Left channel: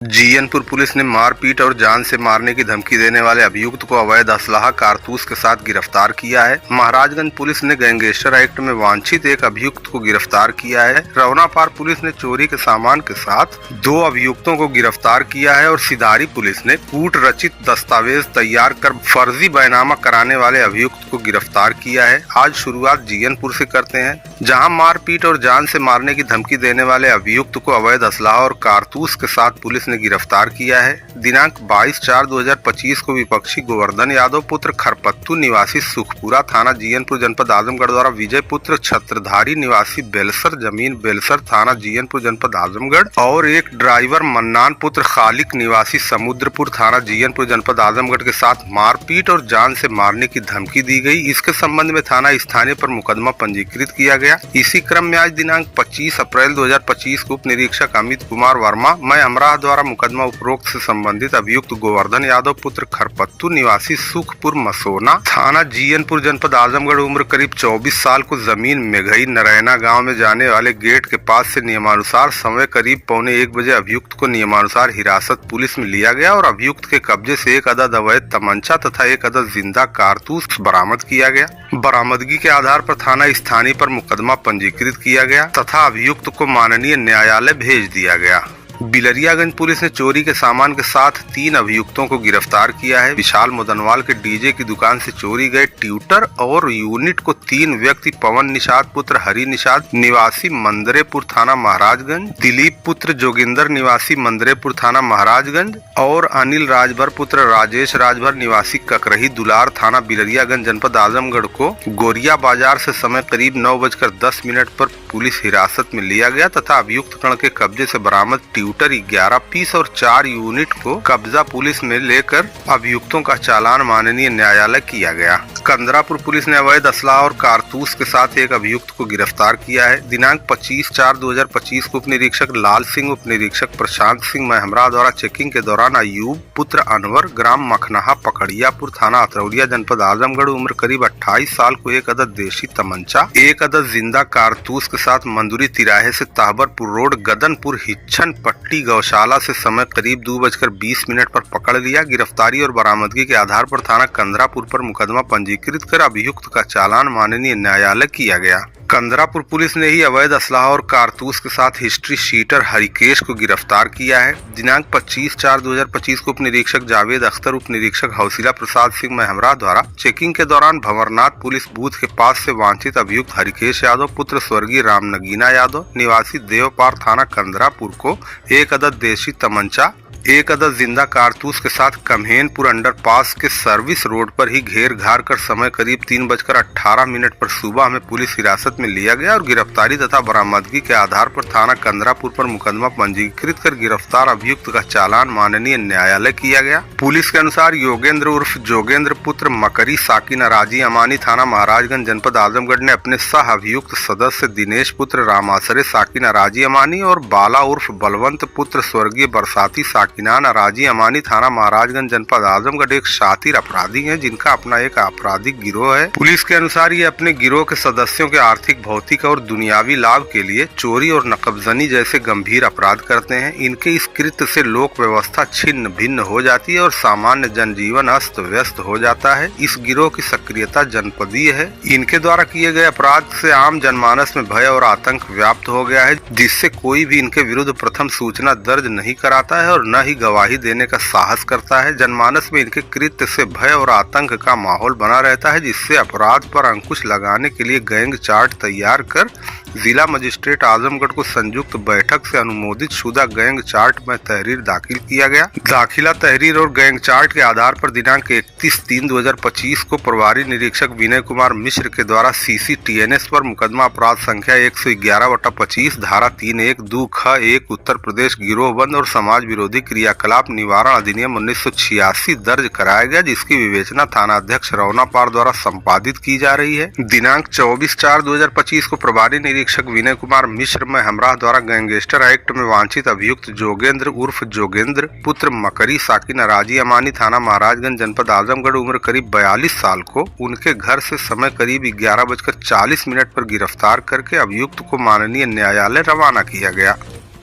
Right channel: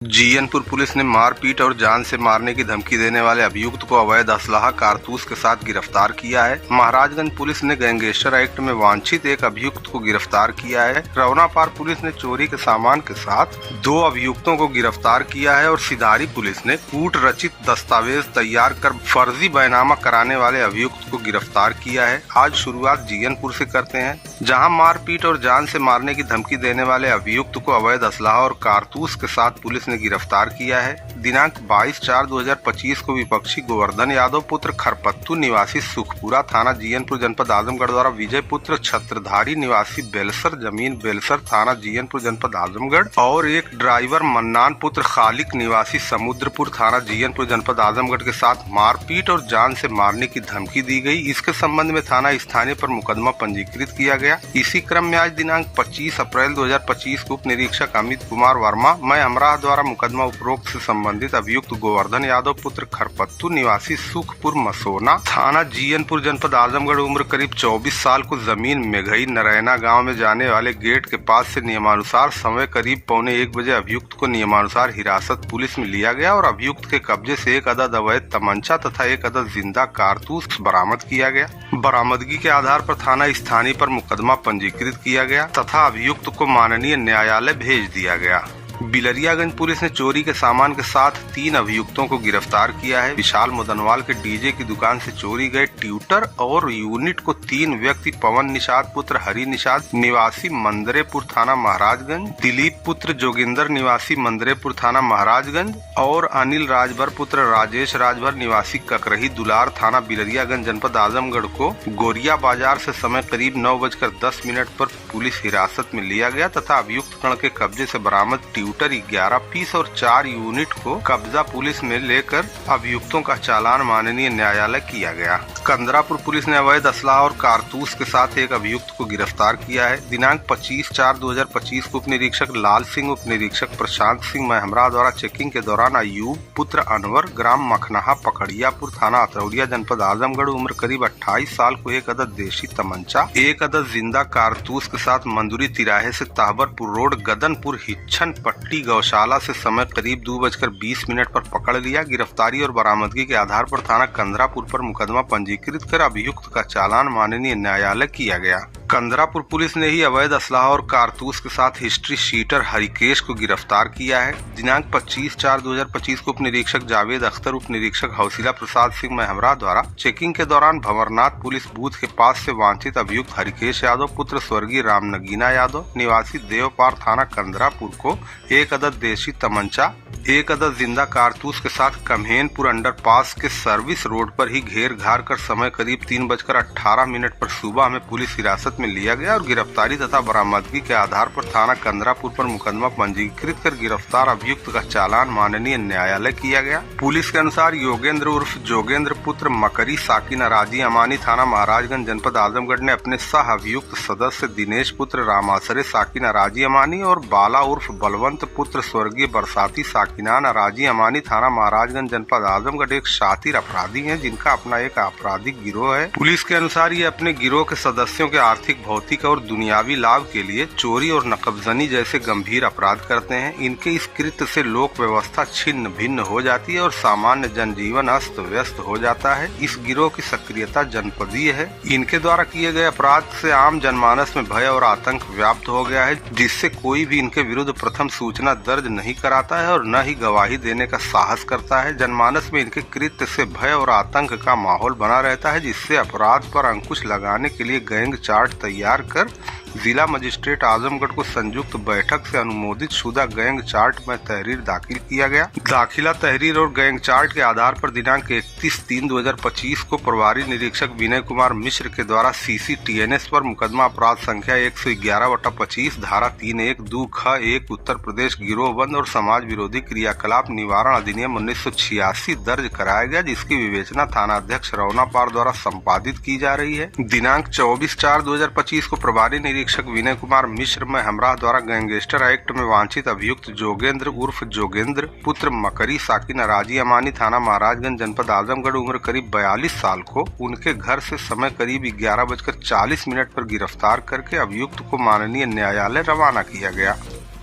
Jiyanpur police ने मारपीट और जान से मारने की धमकी देने वाले अभियुक्त को अवैध असलाह कारतूस के साथ गिरफ्तार किया है। महाराजगंज पुलिस ने गैंगस्टर एक्ट में वांछित एक अभियुक्त को गिरफ्तार किया है। रवनापार पुलिस ने चोरी के सामान के साथ 2 अभियुक्तों को गिरफ्तार किया है और सिधारी पुलिस ने कूट रचित दस्तावेज तैयार कर फर्जी बैनामा कराने वाले अभियुक्त को गिरफ्तार किया है। आज शुरुआत जीयनपुर से करते हैं, जहां मारपीट और जान से मारने की धमकी देने वाले अभियुक्त को अवैध असलाह और कारतूस के साथ पुलिस ने गिरफ्तार किया है। दिनांक 22/4/2025 को विपक्षी गोवर्धन यादव पुत्र खरपत्तू निवासी सुखपुरा थाना जीयनपुर जनपद आजमगढ़ द्वारा विजय पुत्र छत्रधारी निवासी बेलसर जमीन बेलसर थाना जीयनपुर जनपद आजमगढ़ और एक ड्राइवर मन्नान पुत्र खालिक निवासी समुद्रपुर थाना जीयनपुर जनपद आजमगढ़ के साथ मारपीट और जान से मारने की धमकी दी गई। इसके संबंध में थाना स्थानीय पर मुकदमा पंजीकृत किया गया। इसी क्रम में आज दिनांक 25 अप्रैल 2025 को उप निरीक्षक अमित कुमार वर्मा मैं अमराह द्वारा मुकदमा उपरोक्त से संबंधित अभियुक्त गोवर्धन यादव पुत्र खरपत्तू निवासी सुखपुर मसोना थाना जीयनपुर जनपद आजमगढ़ उम्र करीब 24 साल को जमीन मेघई नरैना गांव में जाने वाले गेट के पास से नियमानुसार समय करीब 1:45 बजे अभियुक्त को नियमानुसार हिरासत पुलिस में लिया गया और अभियुक्त के कब्जे से एक अदद अवैध तमंचा तथा एक अदद जिंदा कारतूस बरामद किया गया। बरामदगी के आधार पर थाना स्थानीय पर मुकदमा पंजीकृत किया गया तथा अभियुक्त को माननीय न्यायालय भेज दिया गया। बिलरियागंज पुलिस ने चोरी के सामान के साथ 3 अभियुक्तों को गिरफ्तार किया है। विशाल मुदनवाल के डीजे की दुकान से चोरी गए ट्यूटर और यूनिट को 3 व्यक्ति पवन निषाद पुत्र हरि निषाद निवासी मंदरेपुर थाना महाराजगंज, दिलीप पुत्र जोगिंदर निवासी मंदरेपुर थाना महाराजगंज और अनिल राजभर पुत्र राजेश राजभर निवासी ककरही दुलार थाना बिलरियागंज जनपद आजमगढ़ को गोरिया बाजार से समय करीब 9:10 पर पुलिस हिरासत में लिया गया तथा अभियुक्त गण के कब्जे से बरामद ट्यूटर 11 पीस और 4 यूनिट को कब्जा पुलिस में लेकर अभियुक्तों का चालान माननीय न्यायालय किया गया। कंदरापुर पुलिस ने अवैध असलाह और कारतूस के साथ एक अभियुक्त को गिरफ्तार किया है। दिनांक 25/4/2025 को उप निरीक्षक लाल सिंह उप निरीक्षक प्रशांत सिंह महमरा द्वारा चेकिंग के दौरान अयूब पुत्र अनवर ग्राम मखनाहा पकड़ियापुर थाना अतरौलिया जनपद आजमगढ़ उम्र करीब 28 साल को एक अदद देशी तमंचा एक अदद जिंदा कारतूस के साथ मंदुरी तिराहे से ताहबरपुर रोड गदनपुर हिच्छन पट्टी गौशाला से समय करीब 2:20 पर पकड़ लिया। गिरफ्तारी और बरामदगी के आधार पर थाना कंदरापुर पर मुकदमा पंजीकृत कर अभियुक्त का चालान माननीय न्यायालय किया गया। कंदरापुर पुलिस ने ही अवैध असलाह और कारतूस के साथ हिस्ट्री शीटर हरिकेश को गिरफ्तार किया है। दिनांक 25/4/2025 को उप निरीक्षक जावेद अख्तर उप निरीक्षक हौसिला प्रसाद सिंह महमरा द्वारा चेकिंग के दौरान भंवरनाथ पुलिस बूथ के पास से वांछित अभियुक्त हरिकेश यादव पुत्र स्वर्गीय रामनगीना यादव निवासी देवपार थाना कंदरापुर को एक अदद देशी तमंचा एक अदद जिंदा कारतूस के साथ कम्हेनपुर अंडरपास के सर्विस रोड पर ही घेर घार कर समय करीब 3:18 पर सुबह में पुलिस हिरासत में लिया गया और गिरफ्तारी तथा बरामदगी के आधार पर थाना कंदरापुर पर मुकदमा पंजीकृत कर गिरफ्तार अभियुक्त का चालान माननीय न्यायालय किया गया। पुलिस के अनुसार योगेंद्र उर्फ जोगेंद्र पुत्र मकरी साकिन अराजी अमानी थाना महाराजगंज जनपद आजमगढ़ ने अपने सह अभियुक्त सदस्य दिनेश पुत्र रामासरे साकिन अराजी अमानी और बाला उर्फ बलवंत पुत्र स्वर्गीय बरसाती साकिनान अराजी अमानी थाना महाराजगंज जनपद आजमगढ़ एक शातिर अपराधी हैं जिनका अपना एक आपराधिक गिरोह है। पुलिस के अनुसार ये अपने गिरोह के सदस्यों के आर्थिक भौतिक और दुनियावी लाभ के लिए चोरी और नकबजनी जैसे गंभीर अपराध करते हैं। इनके इस कृत्य से लोक व्यवस्था छिन्न भिन्न हो जाती है और सामान्य जनजीवन अस्त व्यस्त हो जाता है। इस गिरोह की सक्रियता जनपदीय है। इनके द्वारा किए गए अपराध से आम जनमानस में भय और आतंक व्याप्त हो गया है, जिससे कोई भी इनके विरुद्ध प्रथम सूचना दर्ज नहीं कराता है और न ही गवाही देने का साहस करता है। जनमानस में इनके कृत्य से भय और आतंक का माहौल बना रहता है, जिससे अपराध पर अंकुश लगाने के लिए गैंग चार्ट तैयार कर जिला मजिस्ट्रेट आजमगढ़ को संयुक्त बैठक से अनुमोदित शुदा गैंग चार्ट में तहरीर दाखिल किया गया। दाखिला तहरीर और गैंग चार्ट के आधार पर दिनांक 31/3/2025 को प्रभारी निरीक्षक विनय कुमार मिश्र के द्वारा CCTNS पर मुकदमा अपराध संख्या 111/25 धारा 312 ख 1 उत्तर प्रदेश गिरोहबंद और समाज विरोधी क्रियाकलाप निवारण अधिनियम 1986 दर्ज कराया गया, जिसकी विवेचना थाना अध्यक्ष रवनापार द्वारा संपादित की जा रही है। दिनांक 24/4/2025 को प्रभारी निरीक्षक विनय कुमार मिश्र में हमरा द्वारा गैंगस्टर एक्ट में वांछित अभियुक्त जोगेंद्र उर्फ जोगेंद्र पुत्र मकरी साकिन अराजी अमानी थाना महाराजगंज जनपद आजमगढ़ उम्र करीब 42 साल को उनके घर से समय करीब 11:40 पर गिरफ्तार करके अभियुक्त को माननीय न्यायालय रवाना किया गया।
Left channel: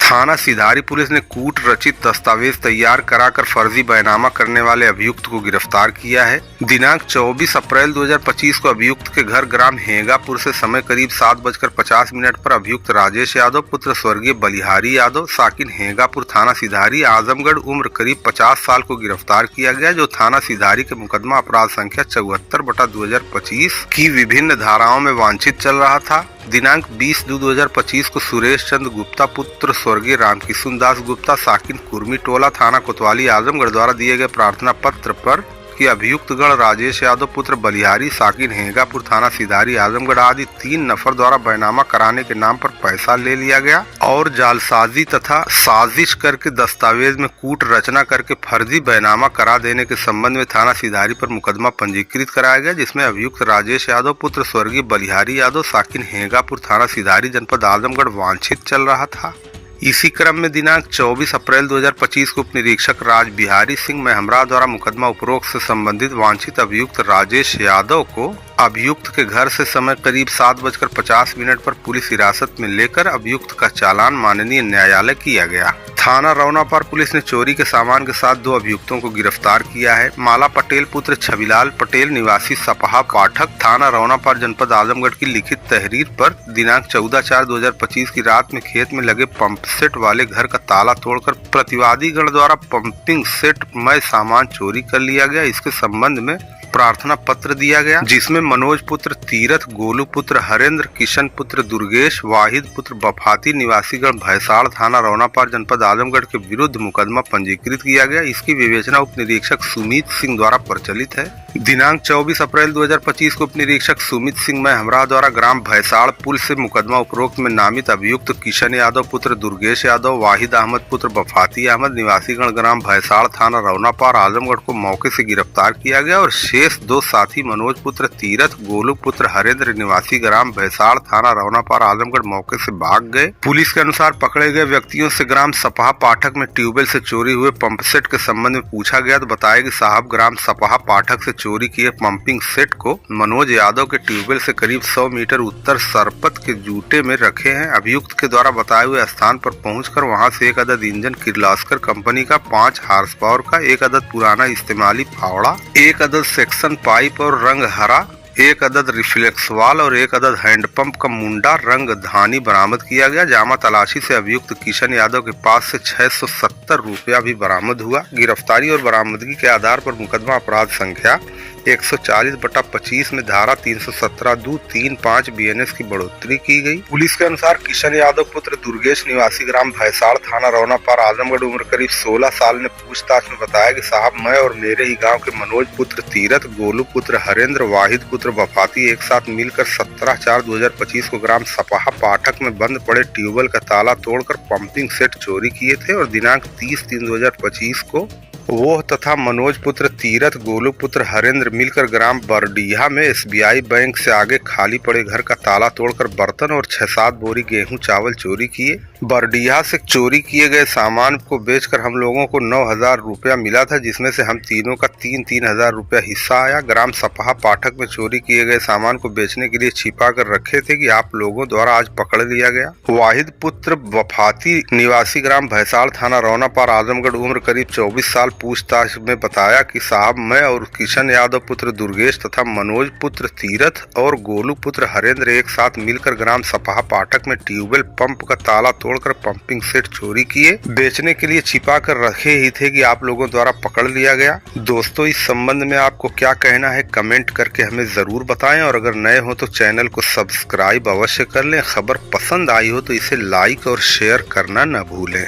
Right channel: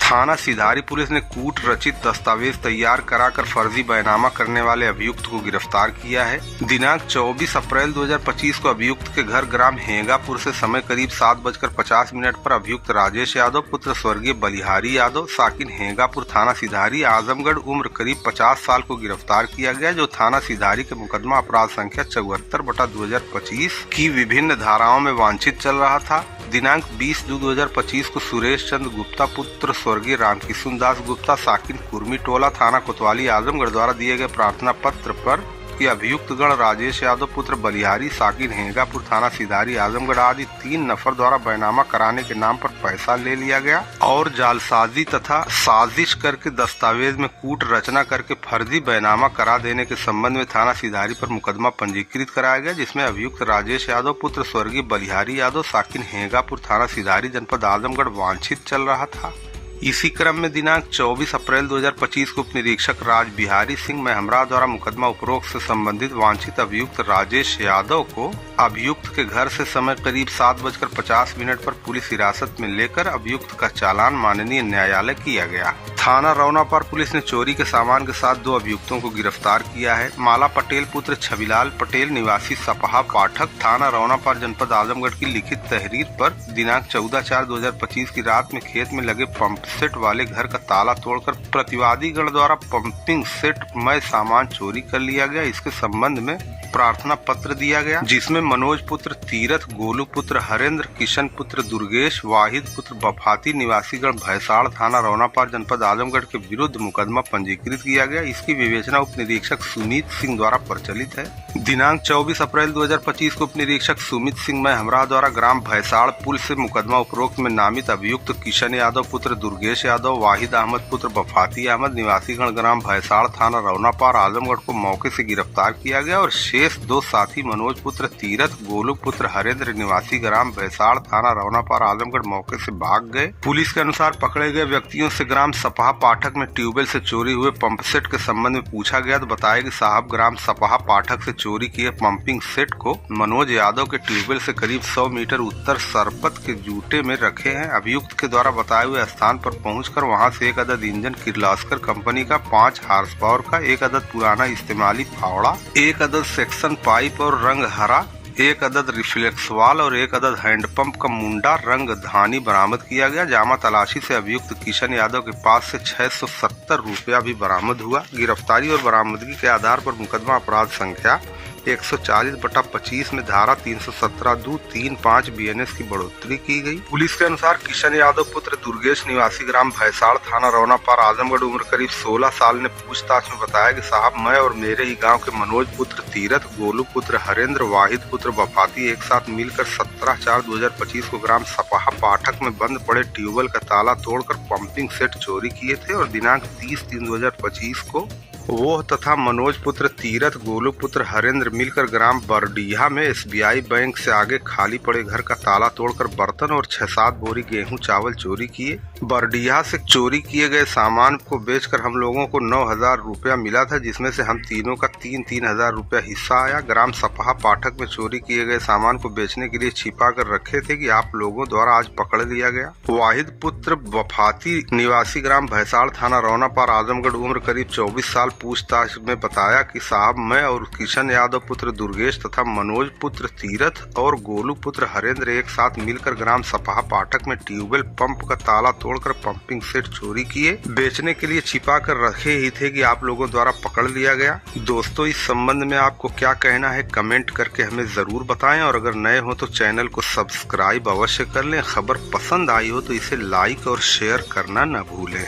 थाना सिधारी पुलिस ने कूट रचित दस्तावेज तैयार कराकर फर्जी बैनामा करने वाले अभियुक्त को गिरफ्तार किया है। दिनांक 24 अप्रैल 2025 को अभियुक्त के घर ग्राम हेंगापुर से समय करीब 7:50 पर अभियुक्त राजेश यादव पुत्र स्वर्गीय बलिहारी यादव साकिन हेंगापुर थाना सिधारी आजमगढ़ उम्र करीब 50 साल को गिरफ्तार किया गया, जो थाना सिधारी के मुकदमा अपराध संख्या 74/2025 की विभिन्न धाराओं में वांछित चल रहा था। दिनांक 20/2/2025 को सुरेश चंद्र गुप्ता पुत्र स्वर्गीय रामकिशुन दास गुप्ता साकिन कुर्मी टोला थाना कोतवाली आजमगढ़ द्वारा दिए गए प्रार्थना पत्र पर कि अभियुक्त गण राजेश यादव पुत्र बलिहारी साकिन हेंगापुर थाना सिधारी आजमगढ़ आदि 3 नफर द्वारा बैनामा कराने के नाम पर पैसा ले लिया गया और जालसाजी तथा साजिश करके दस्तावेज में कूट रचना करके फर्जी बैनामा करा देने के संबंध में थाना सिधारी पर मुकदमा पंजीकृत कराया गया, जिसमें अभियुक्त राजेश यादव पुत्र स्वर्गीय बलिहारी यादव साकिन हेंगापुर थाना सिधारी जनपद आजमगढ़ वांछित चल रहा था। इसी क्रम में दिनांक 24 अप्रैल 2025 को उप निरीक्षक राज बिहारी सिंह महमरा द्वारा मुकदमा उपरोक्त से संबंधित वांछित अभियुक्त राजेश यादव को अभियुक्त के घर से समय करीब 7:50 पर पुलिस हिरासत में लेकर अभियुक्त का चालान माननीय न्यायालय किया गया। थाना रौनापार पुलिस ने चोरी के सामान के साथ 2 अभियुक्तों को गिरफ्तार किया है। माला पटेल पुत्र छविलाल पटेल निवासी सपहा पाठक थाना रौनापार जनपद आजमगढ़ की लिखित तहरीर पर दिनांक 14/4/2025 की रात में खेत में लगे पंप सेट वाले घर का ताला तोड़कर प्रतिवादी गण द्वारा पंपिंग सेट में सामान चोरी कर लिया गया। इसके संबंध में प्रार्थना पत्र दिया गया, जिसमें मनोज पुत्र तीरथ, गोलू पुत्र हरेंद्र, किशन पुत्र दुर्गेश, वाहिद पुत्र बफाती निवासीगण भैसाड़ थाना रौनापार जनपद आजमगढ़ के विरुद्ध मुकदमा पंजीकृत किया गया। इसकी विवेचना उप निरीक्षक सुमित सिंह द्वारा प्रचलित है। दिनांक 24 अप्रैल 2025 को उप निरीक्षक सुमित सिंह महमरा द्वारा ग्राम भैसाड़ पुल से मुकदमा उपरोक्त में नामित अभियुक्त किशन यादव पुत्र दुर्गेश यादव, वाहिद अहमद पुत्र बफाती अहमद निवासीगण ग्राम भैसाड़ थाना रौनापार आजमगढ़ को मौके से गिरफ्तार किया गया और शेष 2 साथी मनोज पुत्र तीरथ, गोलू पुत्र हरेंद्र निवासी ग्राम भैसाड़ थाना रौनापार आजमगढ़ मौके से भाग गए। पुलिस के अनुसार पकड़े गए व्यक्तियों से ग्राम सपहा पाठक में ट्यूबवेल से चोरी हुए पंप सेट के संबंध में पूछा गया तो बताया कि साहब ग्राम सपहा पाठक से चोरी किए पंपिंग सेट को मनोज यादव के ट्यूबवेल से करीब 100 मीटर उत्तर सरपत के जूटे में रखे हैं। अभियुक्त के द्वारा बताए हुए स्थान पर पहुंचकर वहां से 1 अदद इंजन किर्लोस्कर कंपनी का 5 हार्स पावर का, 1 अदद पुराना इस्तेमाली फावड़ा, 1 अदद सेक्शन पाइप और रंग हरा, 1 अदद रिफ्लेक्स वाल और 1 अदद हैंडपंप का मुंडा रंग धानी बरामद किया गया। जामा तलाशी से अभियुक्त किशन यादव के पास से 670 रुपया भी बरामद हुआ। गिरफ्तारी और बरामदगी के आधार पर मुकदमा अपराध संख्या 140/25 में धारा 317(2)(3)(5) BNS की बढ़ोतरी की गई। पुलिस के अनुसार किशन यादव पुत्र दुर्गेश निवासी ग्राम भैसाड़ थाना रौनापार आजमगढ़ उम्र करीब 16 साल ने पूछताछ में बताया कि साहब मैं और मेरे ही गांव के मनोज पुत्र तीरथ, गोलू पुत्र हरेंद्र, वाहिद पुत्र बफाती एक साथ मिलकर 17/4/2025 को ग्राम सपहा पाठक में बंद पड़े ट्यूबवेल का ताला तोड़कर पंपिंग सेट चोरी किए थे और दिनांक 30/3/2025 को वो तथा मनोज पुत्र तीरथ, गोलू पुत्र हरेंद्र मिलकर ग्राम बरडीहा में SBI बैंक से आगे खाली पड़े घर का ताला तोड़कर बर्तन और 6-7 बोरी गेहूं चावल चोरी किए। बरडीहा से चोरी किए गए सामान को बेचकर हम लोगों को 9,000 रुपया मिला था, जिसमें से हम तीनों का 3-3 हजार रुपया हिस्सा आया। ग्राम सपहा पाठक में चोरी किए गए सामान को बेचने के लिए छिपा कर रखे थे कि आप लोगों द्वारा आज पकड़ लिया गया। वाहिद पुत्र बफाती निवासी ग्राम भैसाड़ थाना रौनापार आजमगढ़ उम्र करीब 24 साल पूछताछ में बताया कि साहब मैं और किशन यादव पुत्र दुर्गेश तथा मनोज पुत्र तीरथ और गोलू पुत्र हरेंद्र एक साथ मिलकर ग्राम सपहा पाठक में ट्यूबवेल पंप का ताला तोड़कर पंपिंग सेट चोरी किए, बेचने के लिए छिपा कर रखे ही थे कि आप लोगों द्वारा पकड़ लिया गया। दोस्तों, इस संबंध में आपको क्या कहना है कमेंट करके हमें जरूर बताएं और अगर नए हो तो चैनल को सब्सक्राइब अवश्य कर लें। खबर पसंद आई हो तो इसे लाइक और शेयर करना न भूलें।